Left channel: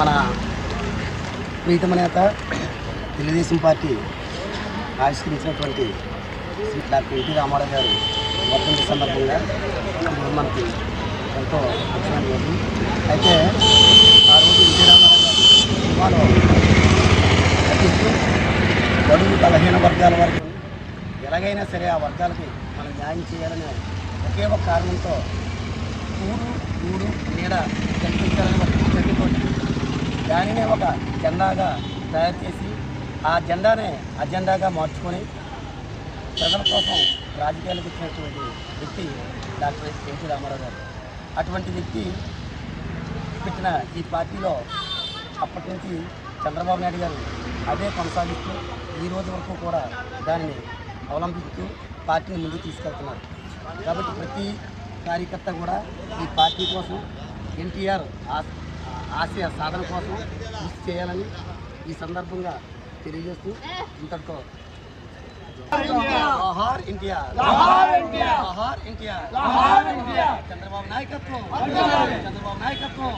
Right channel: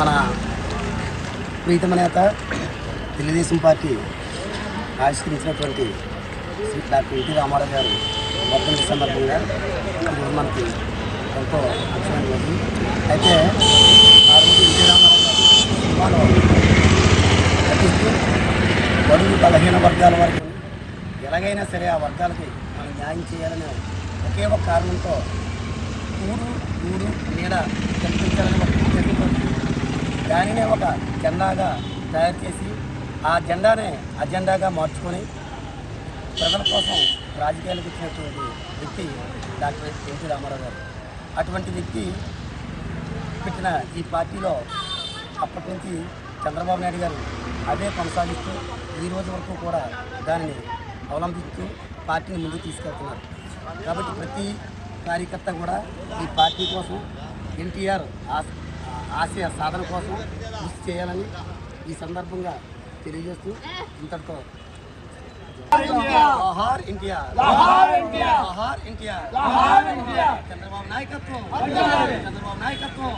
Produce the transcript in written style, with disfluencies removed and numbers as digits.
మన ప్రీతమ నేత తెలుగుదేశం పార్టీ ఆవిష్కరించినటువంటి శ్రీ డాక్టర్ ఎన్టీ రామారావు గారు వర్ధంతి సందర్భంగా ఈరోజు మనకి ఎంతో ముఖ్యమైన రోజు. అయితే ఆ రోజు ఎన్టీ రామారావు గారు సినిమాలో నటిస్తూ బడుగు బలహీన వర్గాల వరకు ఎలాగైనా సరే ఆ వర్గాలకి మనం న్యాయం చేయాలనే ఒకే ఒక కారణంతో గూడు నీడ కల్పించాలని ఒక ఉద్దేశంతో దానినే ఒక జెండాగా తయారు చేసి ఆ జెండానే అజెండాగా మార్చుకొని ప్రజల కోసం రాజకీయాలకు వచ్చినటువంటి వ్యక్తి డాక్టర్ ఎన్టీ రామారావు గారు. అటువంటి వ్యక్తి పెట్టిన ఈ పార్టీలో అప్పటి నుంచి చంద్రబాబు నాయుడు గారు అదే కొనసాగిస్తూ ఈ రోజు వరకు కూడా దానిని అవలంబిస్తూ పార్టీని ముందుకు తీసుకెళ్తున్నారు. కాబట్టి ప్రతి కార్యకర్త కూడా ఈ పార్టీ కోసం ఎన్టీఆర్ ఆశయ సాధన కోసం కృషి చేయాలని ఈ సందర్భంగా తెలియజేస్తూ ఇంతటితో జోహార్ ఎన్టీఆర్, జోహార్ ఎన్టీఆర్, చంద్రబాబు నాయకత్వం, చంద్రబాబు నాయకత్వం.